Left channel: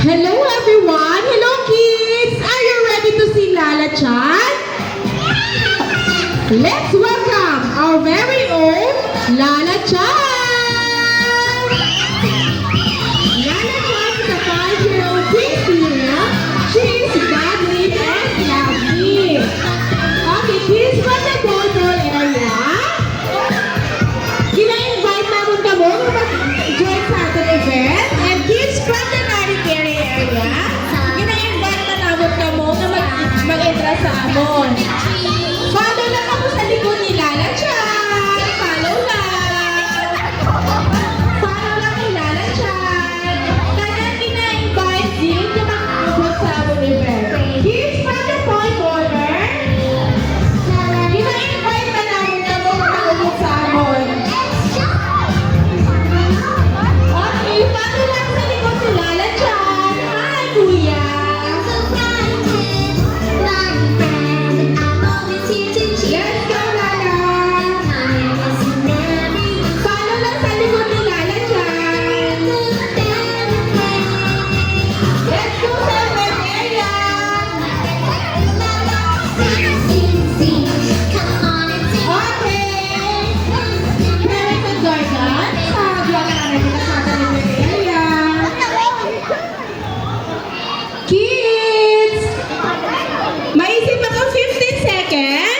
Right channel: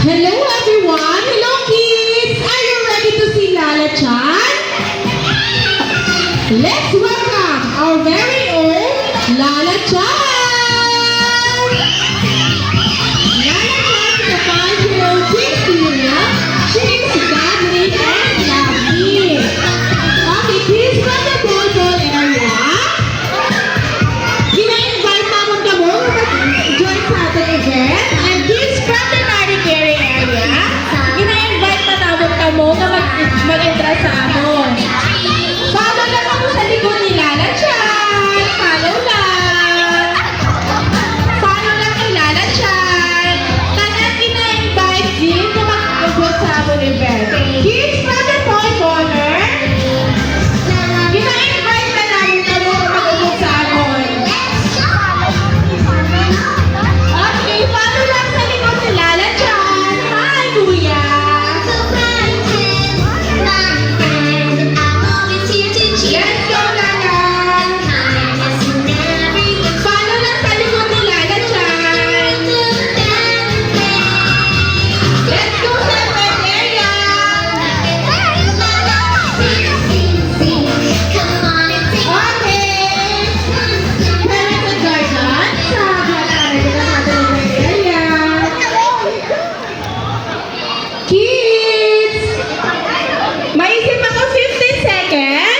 Hello everyone! Hello kids! Are you ready to see Lala Chan? Let's welcome our very own Lala Chan! Lala Chan is a 5-year-old serial. She is godly and lovely. Okay, kids from the Boulder area. Gina-invite namin kamo mag-join sa ating event. And kids from the Marikere area, gina-invite na namin kamo na mag-entra sa amon. Follow lang ako sa likod ni Lala Chan. Follow lang. Follow lang kay Lala Chan. Tanan gina-invite din na mag-join sa amon event. Kids from the Toy Corner, gina-invite na namin kamo na mag-join sa amon. Okay, follow lang sa likod ni Lala Chan. Hi, Kuya! Let's go, Lala! Follow lang sa likod ni Lala Chan. Let's go sa event area! Okay! Parents and guardians, sa Guadalajara kita sa ating event area. Kids! Maisip ako 15 seconds.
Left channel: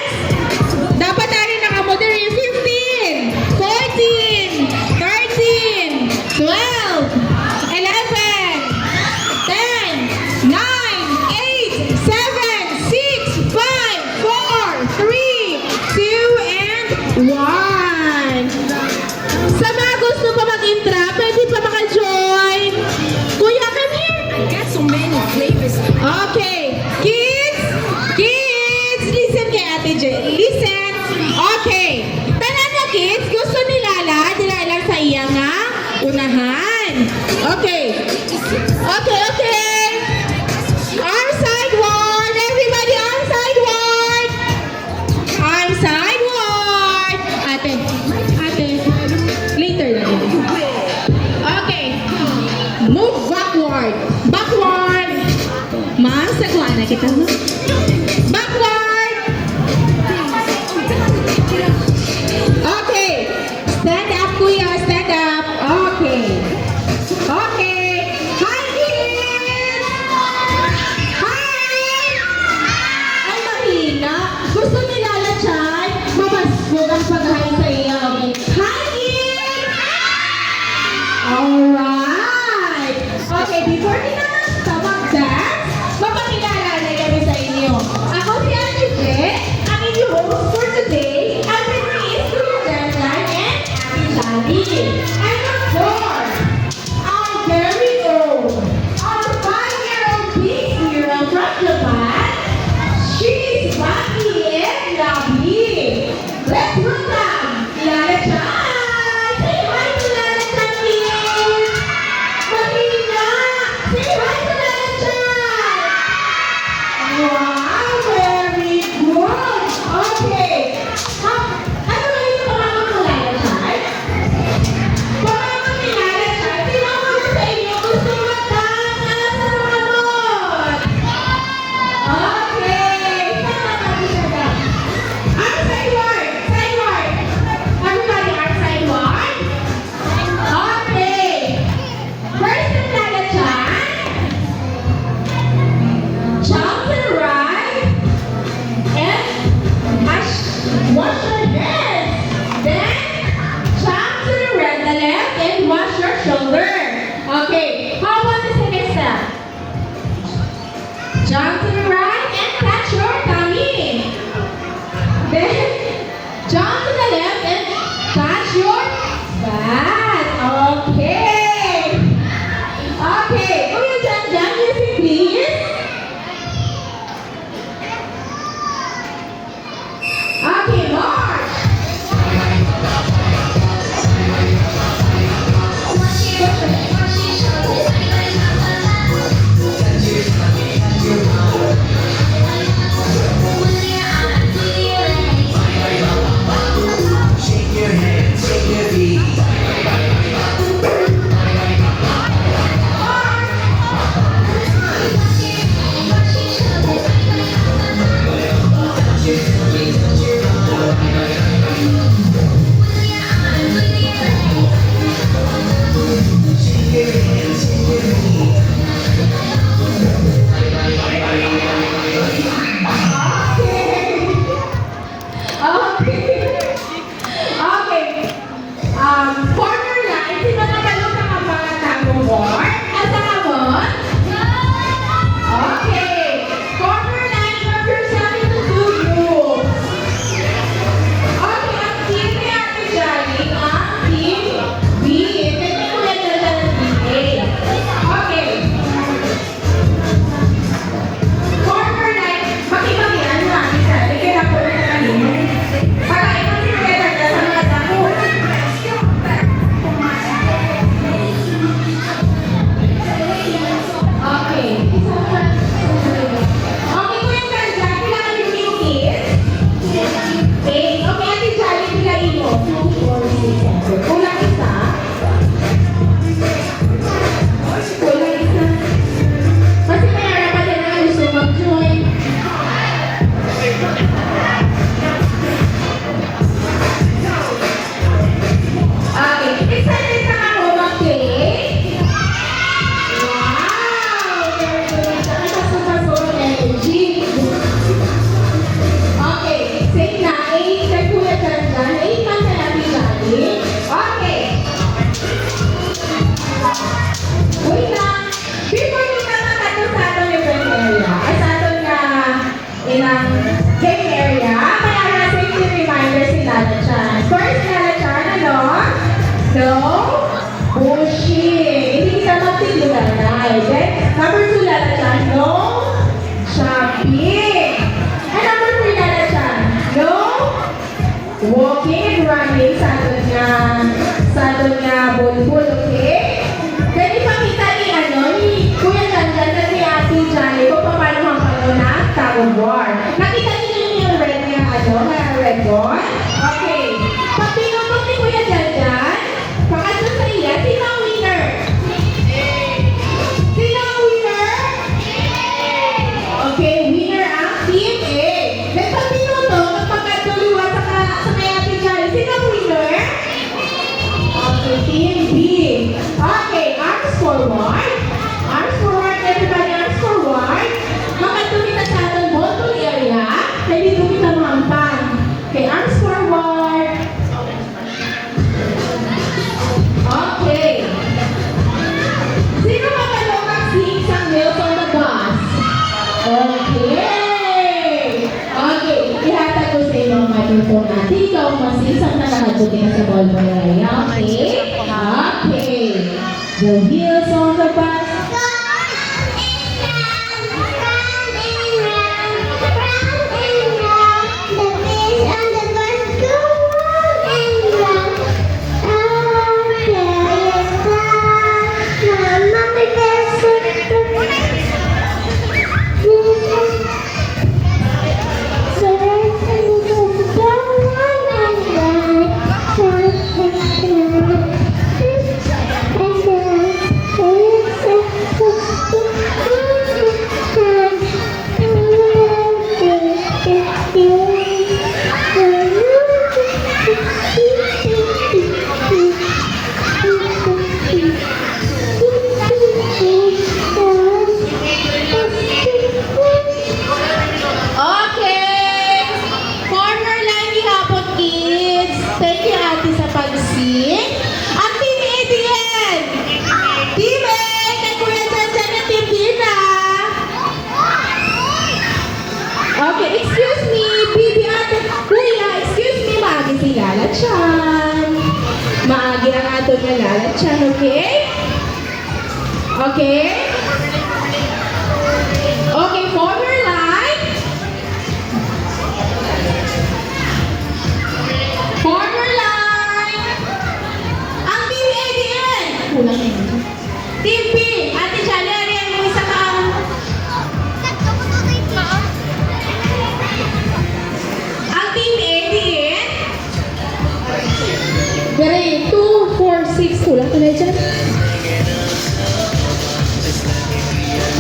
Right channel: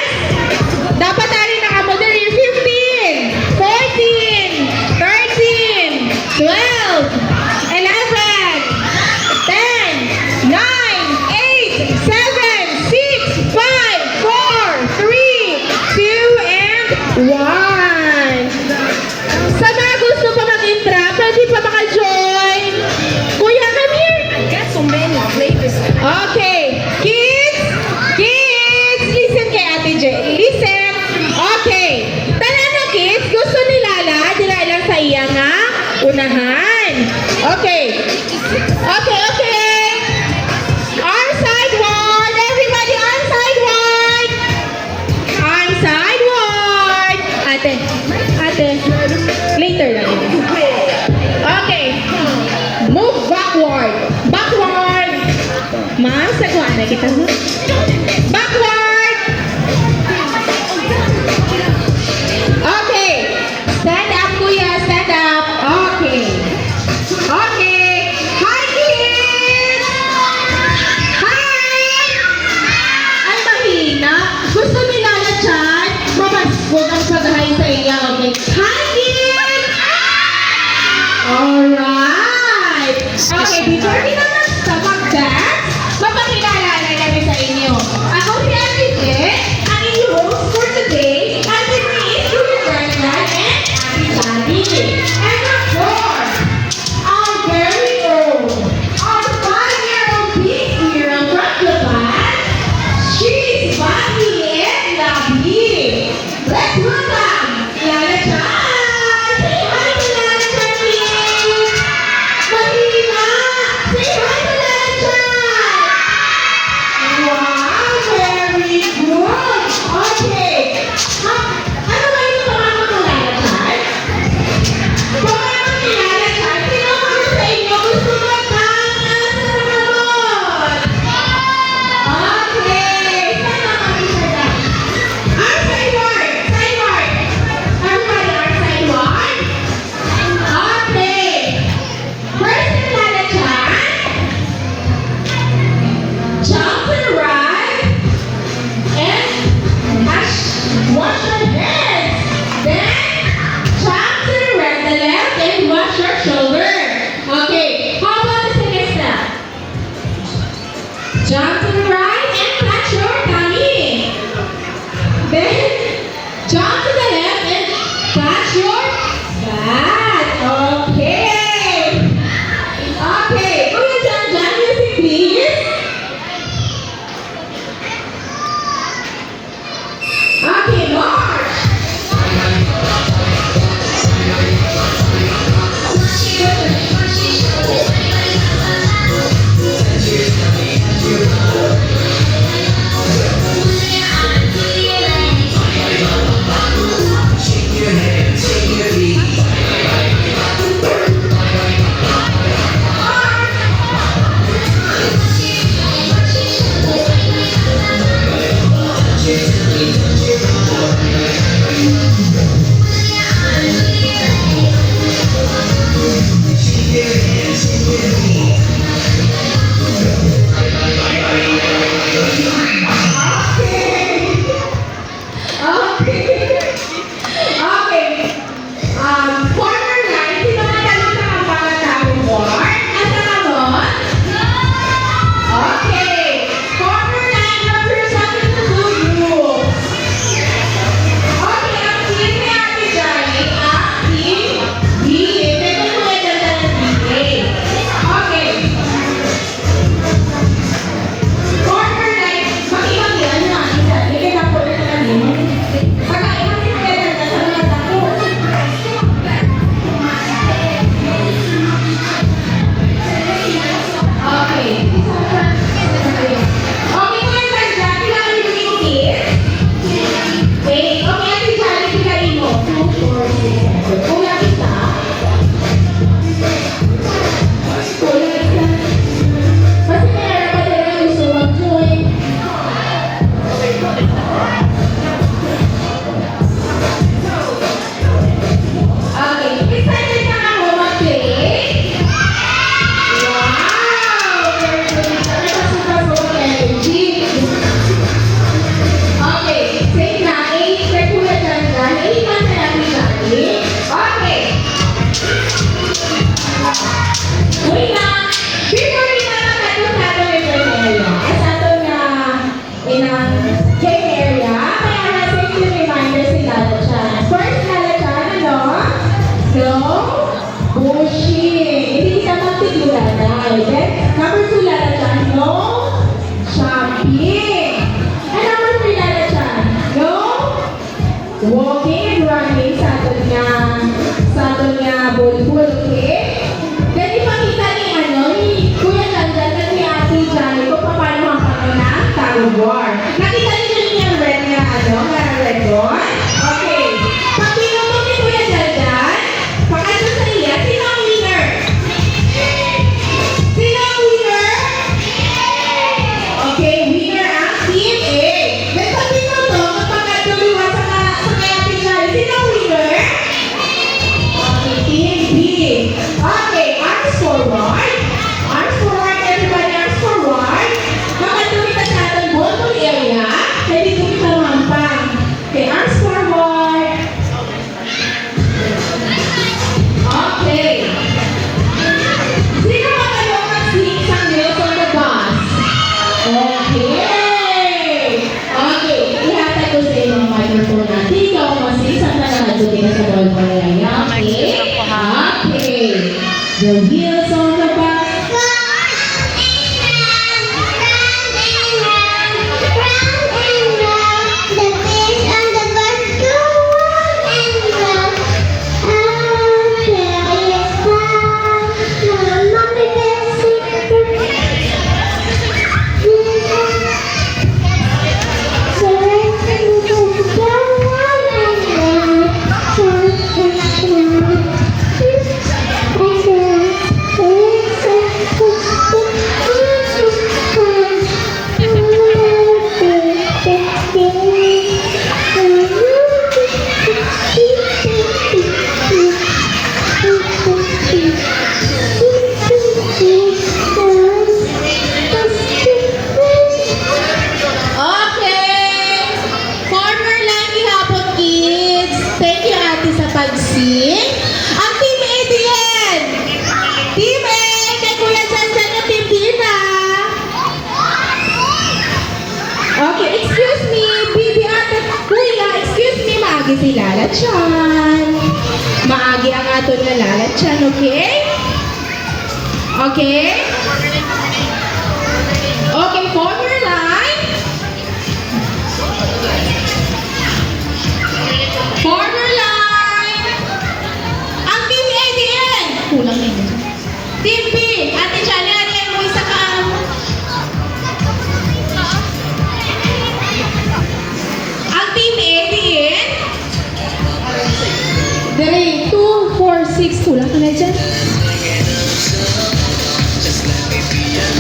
Dapat tayo nakamoderi 15, 14, 13, 12, 11, 10, 9, 8, 7, 6, 5, 4, 3, 2, and 1. Sa mga gusto pa mag-intra, pwede pa maka-join. Kuya, come here. I got so many flavors. Okay, kids, listen kay Ate J. Listen. Okay. Tanan mo kids, gusto ni Lala, dila lang sa iya nga unahan. Okay. Okay. Arm sideward. Everybody arm sideward. Arm sideward. Ate, later lang yun. Okay. Move backward. Backward. Ma'am, sagwa na kita mo. Backward! Okay. Stand up, kuya. Stand up. Okay. Okay. Hi, kids! Hi! Ay, mahina. Gusto ni Lala Chan, mamaskog ang pag-hi sa iya. Okay. Hi, kids! Alright. Okay, before kita sa mag-dance, mapakilala na kami sa inyo. Ako si Ate J, ang inyong host for today. And with me is Kuya Bernard and Ate Sandy. And of course, our very own, our 5-year-old big hero from Japan. She's funny and lovely. Let's welcome Lala Chan. Say hi to Lala Chan, please. Mahina. Say hi to Lala Chan. wheels on the bus. Okay. Okay. Ihatag ko sa iyo ang microphone natin. Ikaw masisan na nakadto kita sa ball mo na. Okay? Okay. The wheels on the bus. Okay! Corner line gihapon, kids. Thank you, ate, sa pag-sing. Ang Team A din. Team A, kay Kuya Sansan ng Team B na. Okay, excuse me. Bibi, ate. Kuya, excuse me. Maagi si Lala Chan. Maagi ang ato na Lala Chan, okay? Okay? Okay, corner line. Corner line. Ang Team A din. Kulang yun. Team B. Ate Chani, ano yung isa ka? Ang Team A din. 3, 2, 4, 6. Kulang ka na dyan.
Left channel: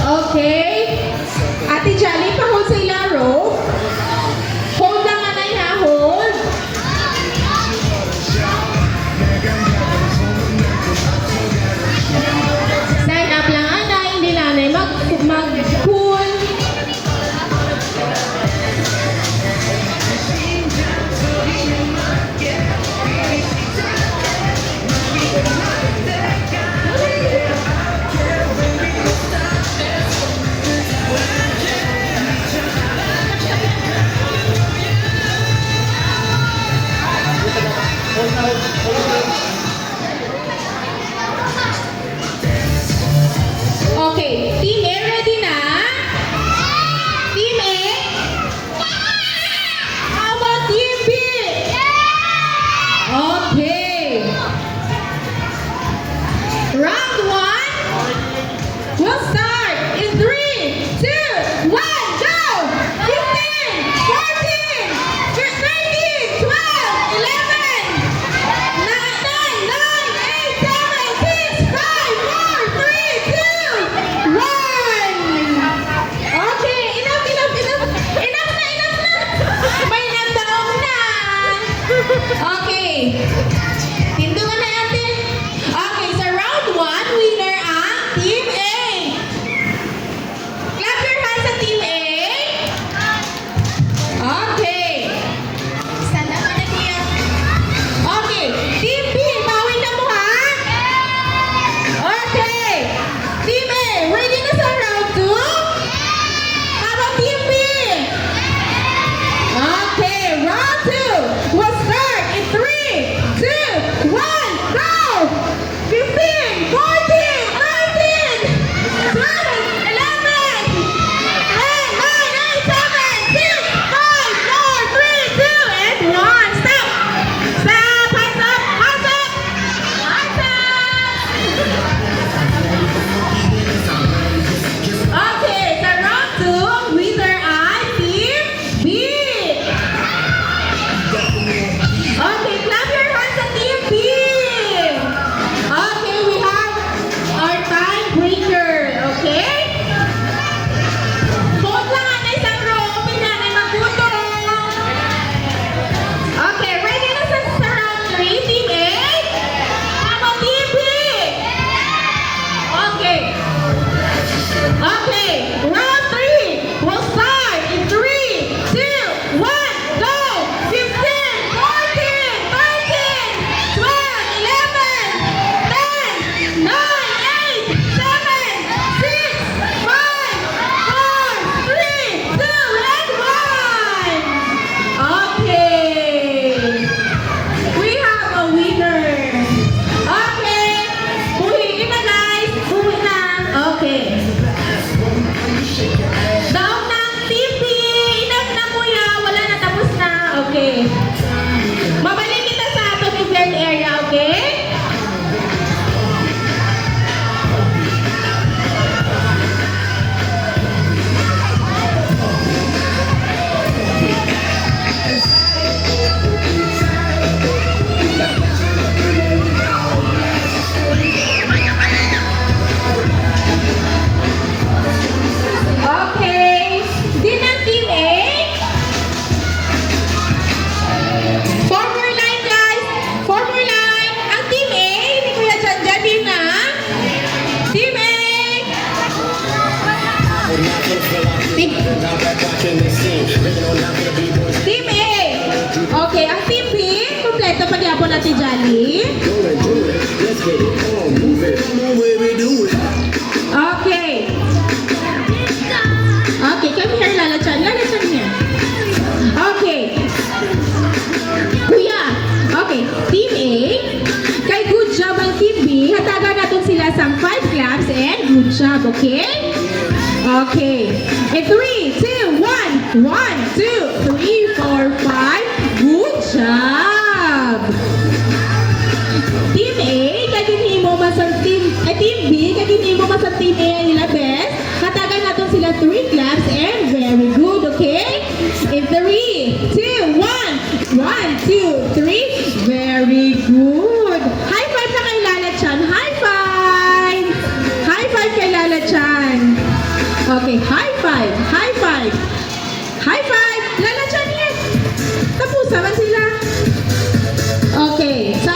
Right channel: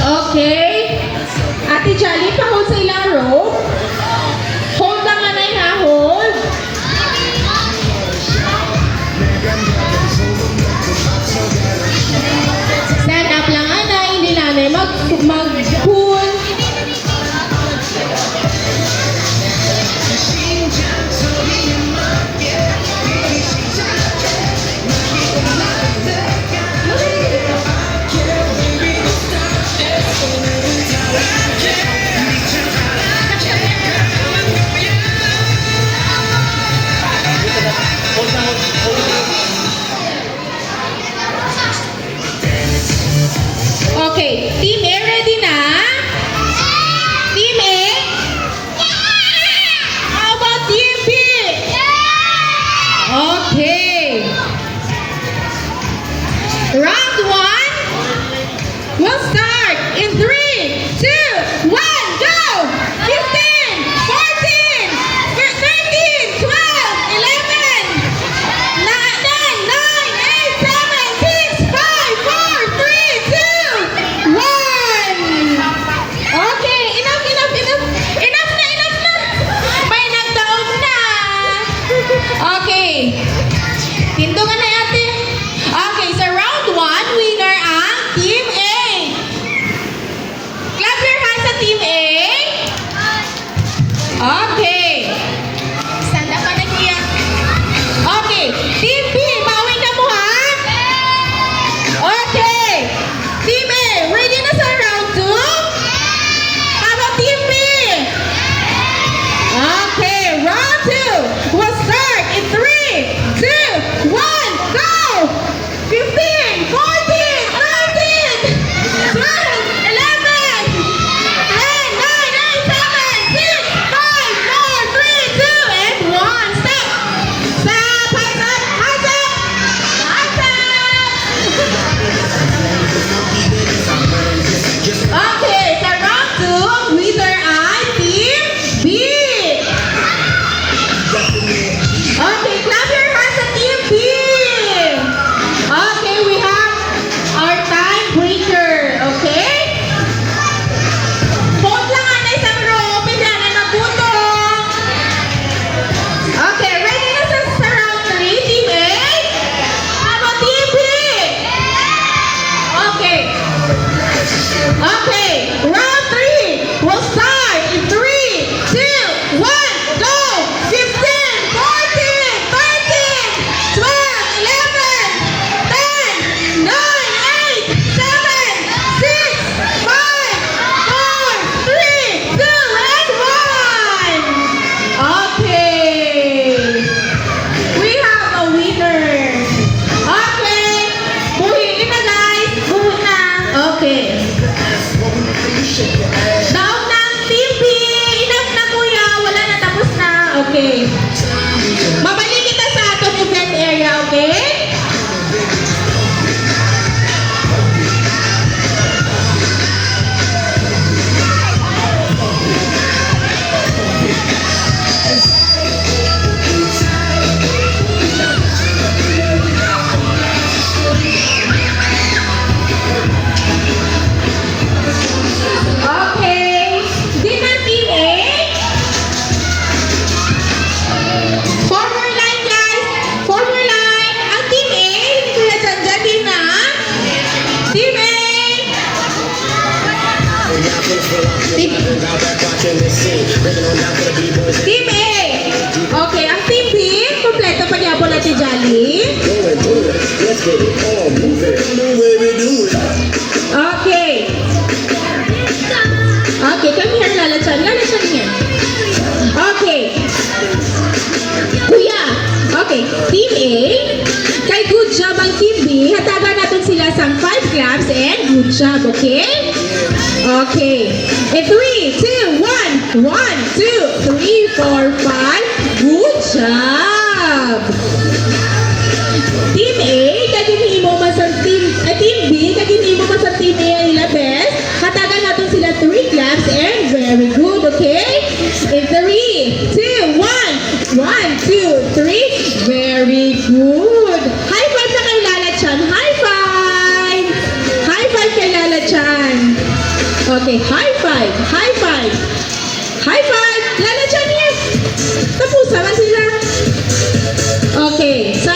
Okay. Ate Jolly, pa-hold sa ilang row. Hold ang anay ha, hold. Stand up lang anay, hindi nanay mag-pull. Okay, Team A ready na? Team A? How about Team B? Okay. Round 1. We'll start in 3, 2, 1, go! 15, 14, 13, 12, 11, 9, 8, 7, 6, 5, 4, 3, 2, 1. Okay, enough na. May nagdaog na. Okay. Tindungan na ate. Okay, so round 1, winner ang Team A. Team Team A. Okay, ang Team B, kompleto pa niya po natin Jolly. Okay. Okay, come here, Lala Chan. Lala Chan here. Okay. Kuya. Okay, Team A. Kay good job ang Team B. Hatagan natin sila sa 5 claps and good job, okay? Okay. In 3, 2, 1. 1, 2, 3, 4, 5. Good job. Team A, kaginihin mo man sa Team B, kaginihin mo man sa Team A ang nila best. Hatagan natin sila 3 claps and very good, okay? In 3, 2, 1. 1, 2, 3. Very good. High five na kay Lala Chan. High five. High five kay Lala Chan. Okay, high five. High five. High five. Lala Chan here. Tapos naman sila. Okay, sa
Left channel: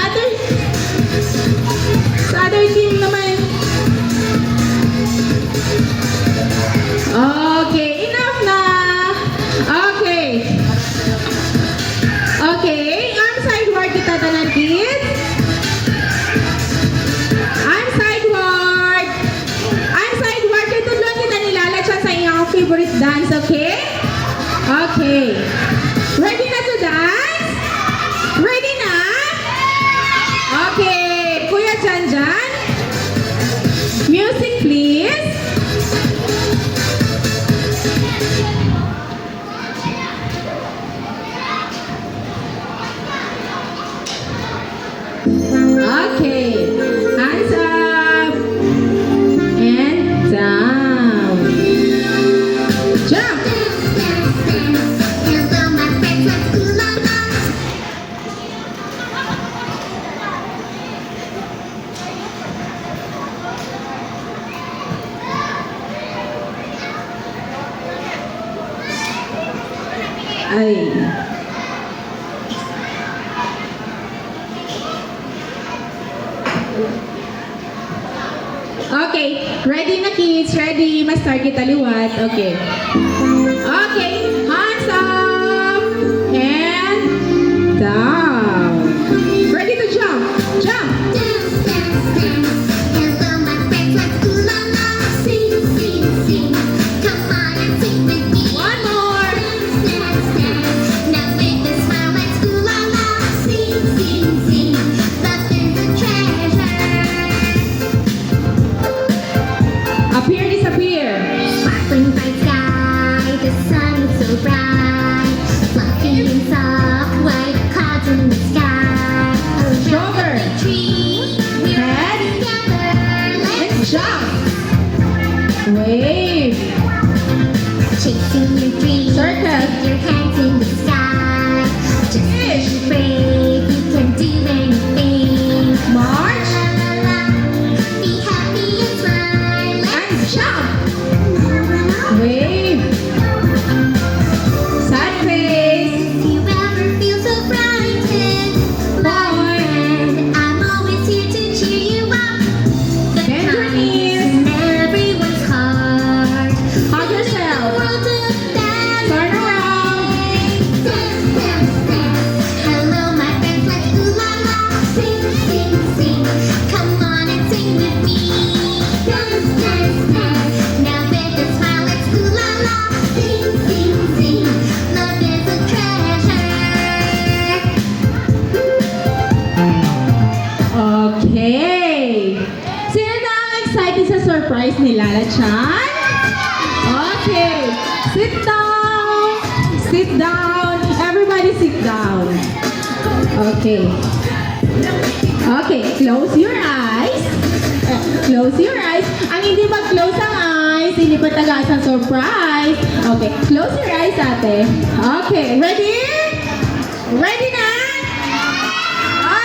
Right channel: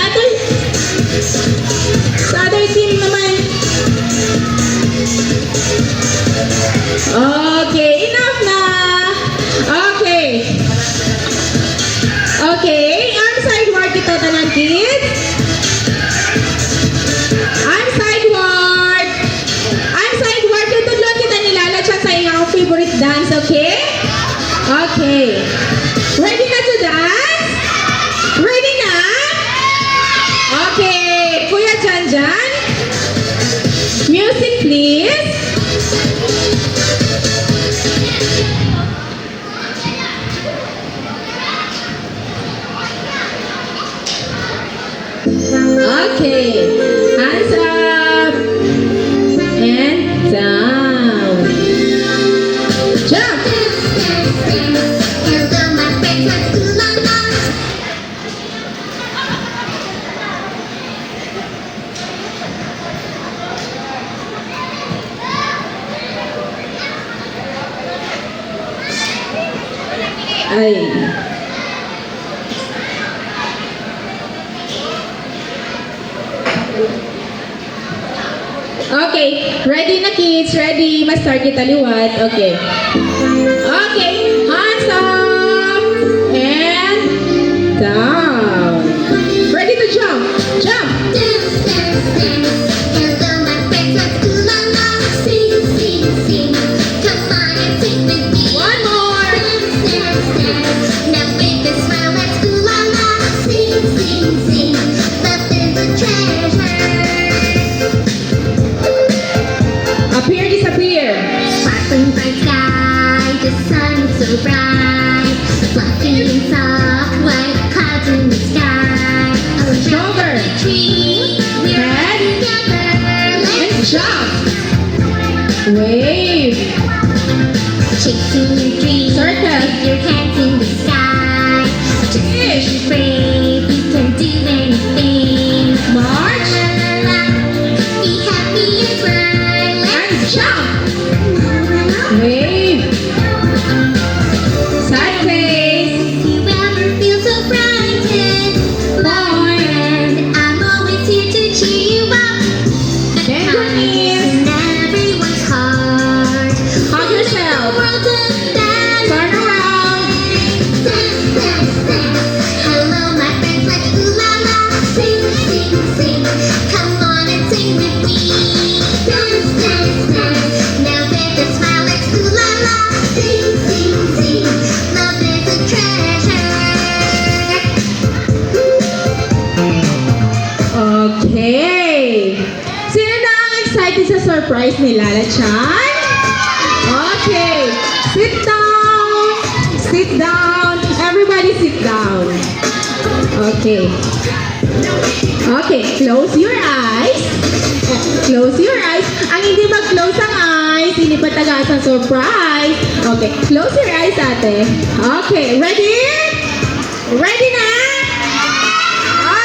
other team naman. Okay, enough na. Okay. Okay, ang sideward ito tanan kids. Ang sideward. Ang sideward ito lang kita nilala siya sa iyong favorite dance, okay? Okay. Ready na to dance? Ready na? Okay. Kuya Janjan. Music please. Okay, hands up and down. Jump. Ay. Okay, ready na kids? Ready? Mas-start kita liwat. Okay. Okay, hands up and down. Ready to jump? Jump. One more. Appear, disappear. Sparkling bright sky, the sun is so bright, fluffy and soft like clouds in the sky. Oh, Shoulder. the tree, we're Head. together. And Let's jump. Wave. chasing your dreams. Circle. With your hands in the sky. Just Fish. be brave, you can do anything. March. La, la, la, la. Be happy and smile. And Let's jump. La, la, la. Wave. Side face. If you ever feel so frightened, my friend, I'm always here to cheer you up. The Bend your time knees. is in everyone's heart. Hug yourself. The world of dance. Turn around. Dance, dance, dance. Hello, my friends, let's ooh la la. Sing, sing, sing. Come on and sing with me. Dance, dance, dance. Now take a smile, let's ooh la la. Sing, sing, sing. Love is a treasure. Okay. Sino na ang excited sa surprise ni Lala Chan? Okay. Sit down. Sit down. Everybody sit down. Okay. Okay. Close your eyes. Close your eyes. Ang hindi mag-close ang eyes, hindi pa taga sa surprise. Okay. Close your eyes, ate. Okay. Ready? Ready na?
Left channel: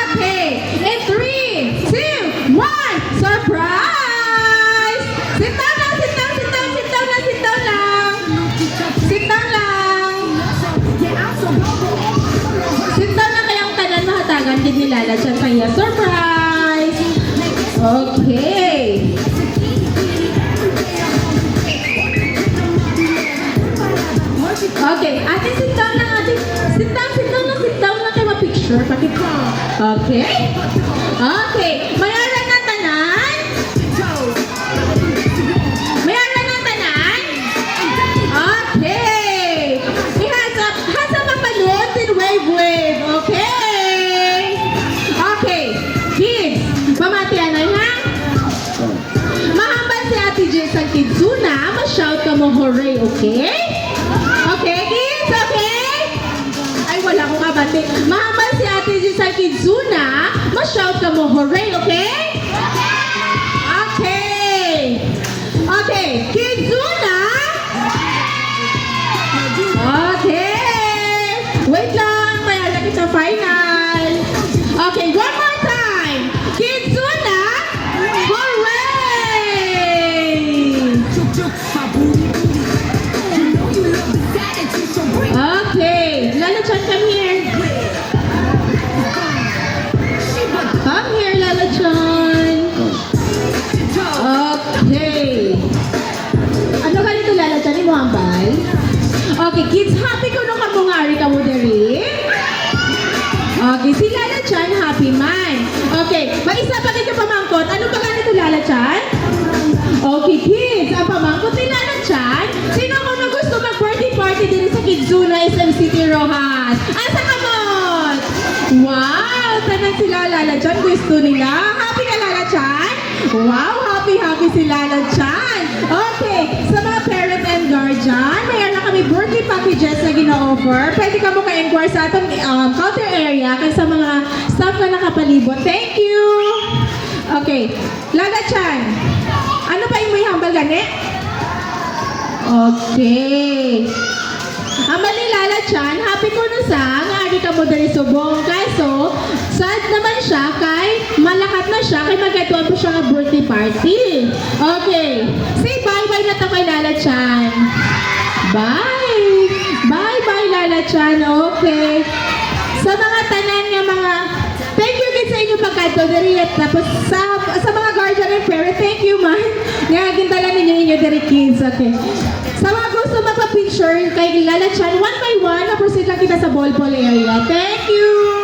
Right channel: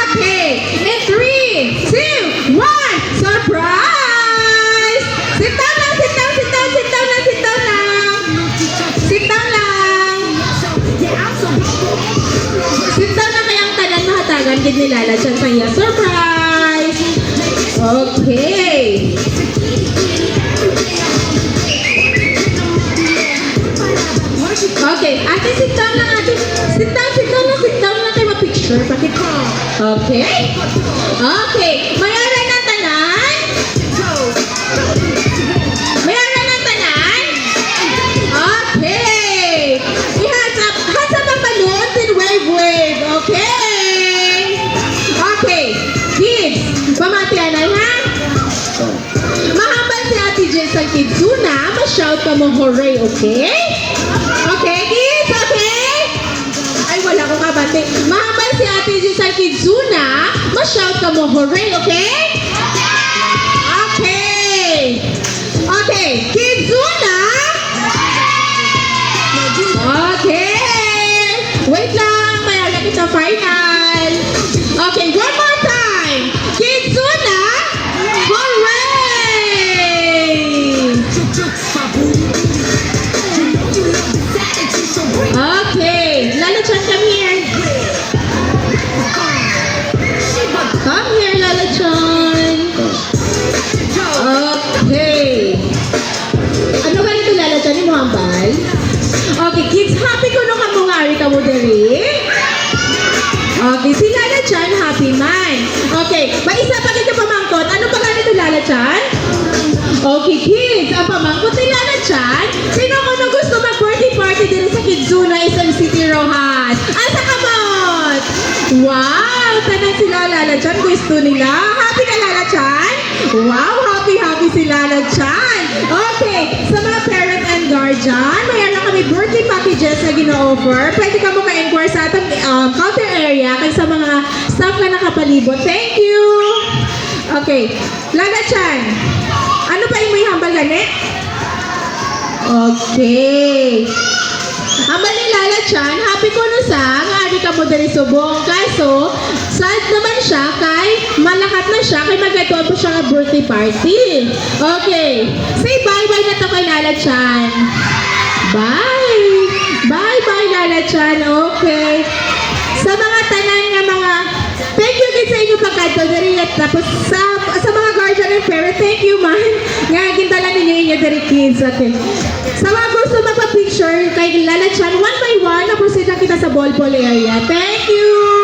Okay. In 3, 2, 1. Surprise! Sit down lang, sit down, sit down, sit down lang, sit down lang. Sit down lang. Sit down lang kayang tanan mahatagan din ni Lala Chan sa iya. Surprise! Okay. Okay, ate, sit down lang, ate. Sit down lang kayo ma-picture. Bakit po? Okay? Okay, mayroon ng tanan? Mayroon ng tanan? Okay. Hands up ang balloons and wave. Okay? Okay, kids, pamatian na ha? Mahambal si Ate Jess ang Kidzuna, ma-shout ka mo hooray, okay? Okay, kids, okay? Ay, wala akong kabante. Mahambal si Ate Jess ang Kidzuna, ma-shout ka mo hooray, okay? Okay. Okay, Kidzuna! Okay. Wait lang, may agad kita final. Okay, one more time. Kidzuna! Hooray! Okay, Lala Chan, come here. Come here, Lala Chan. Okay. Ano ba nito, Lala Chan? Mo hambal? Okay, kids, happy ko nung kamungari ka mo dali. Okay, si Lala Chan, happy man. Okay, mag-isa pa kayo pamangkot. Ano pa ganito, Lala Chan? Okay, kids, ang pamangkot ni Lala Chan, sino ko na gusto mag-birthday party din sa Kidzuna SM City Rojas? Asa ka mot? Wow, tanan sila Lala Chan, gusto nila. Happy ka, Lala Chan? Wow, happy si Lala Chan. Okay, sa mga parent and guardian, mayroon na kami birthday packages na gina-offer. Pwede ka mo ka-inquire sa atong counter area kay sa mga staff na nakapalibot. Thank you! Okay, Lala Chan, ano pa yung may hambal gani? Okay. Hambal ni Lala Chan, happy ko no sa nga ari ka mo diri subong. Kaso, sad naman siya kay malakat na siya kay magatuan po siya ng birthday party. Okay. Say bye-bye na to kay Lala Chan. Bye! Bye-bye, Lala Chan. Okay. Sa mga tanan nga mga, thank you kids sa inyong pagkadali. Tapos sa mga guardian and parent, thank you man. Nga, gindala ninyo dari kids. Okay. Sa mga gusto magpa-picture kay Lala Chan, one by one, na-proceed na kita sa ball area. Thank you!